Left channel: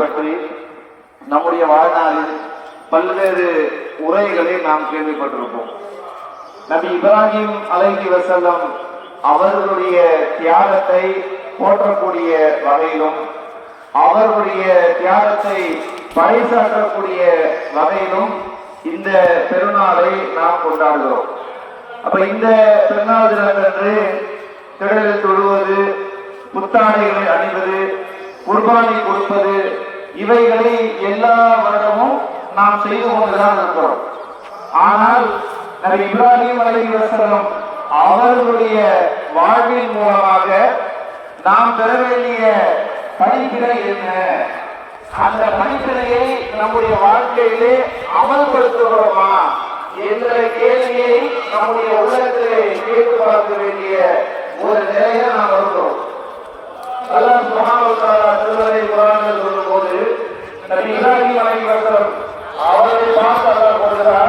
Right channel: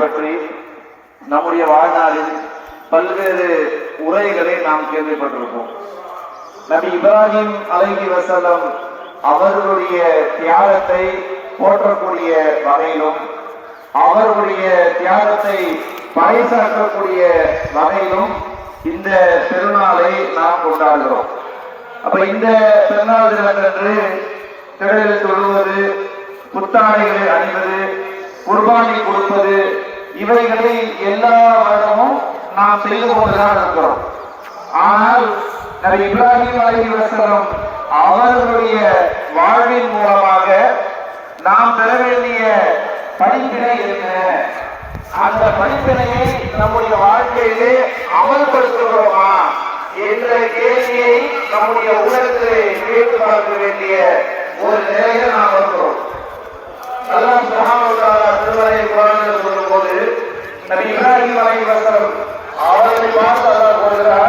பற்றி நம்முடைய வாழ்நாளில் பல்வேறு உரைகளை நாம் கேள்விப்பட்டிருப்போம். நபி இப்ராஹிம் அலைஹிஸ்ஸலாம் அவர்களுடைய தியாகத்தை போற்றக்கூடிய வகையிலும் அவர்களுடைய தியாகத்தை பறைசாற்றக்கூடிய வகையிலும் இந்த பெருநாளை நாம் கொண்டாடுகிறோம். அப்ப இந்த பெருநாள் தினத்தன்று பிறையில் தொழுவது, புத்தாடைகளை அணிவது, குர்பானி கொடுப்பது, இவைகளை எல்லா வருடமும் நாம் செய்து கொண்டுதான் இருக்கிறோம். ஆனால் நபி இப்ராஹிம் அலைஹிஸ்ஸலாம் அவர்களுடைய வாழ்வின் மூலமாக நாம் பெற வேண்டிய படிப்பினை என்ன, அந்த படிப்பினையை நம்முடைய வாழ்க்கையிலே அமல்படுத்துகிறோமா என்ற கேள்வியை நம்முடைய உள்ளத்திலே கேட்டு பார்க்க வேண்டிய ஒரு நிலையில நாம் இருக்கிறோம். அல்லாஹ் சுப்ஹானஹு வ தஆலா திருமறை குர்ஆனில் சொல்லும்போது நபி இப்ராஹிம் அலைஹிஸ்ஸலாம் அவர்களை பார்த்து அல்லாஹ் கூறுகிறார்,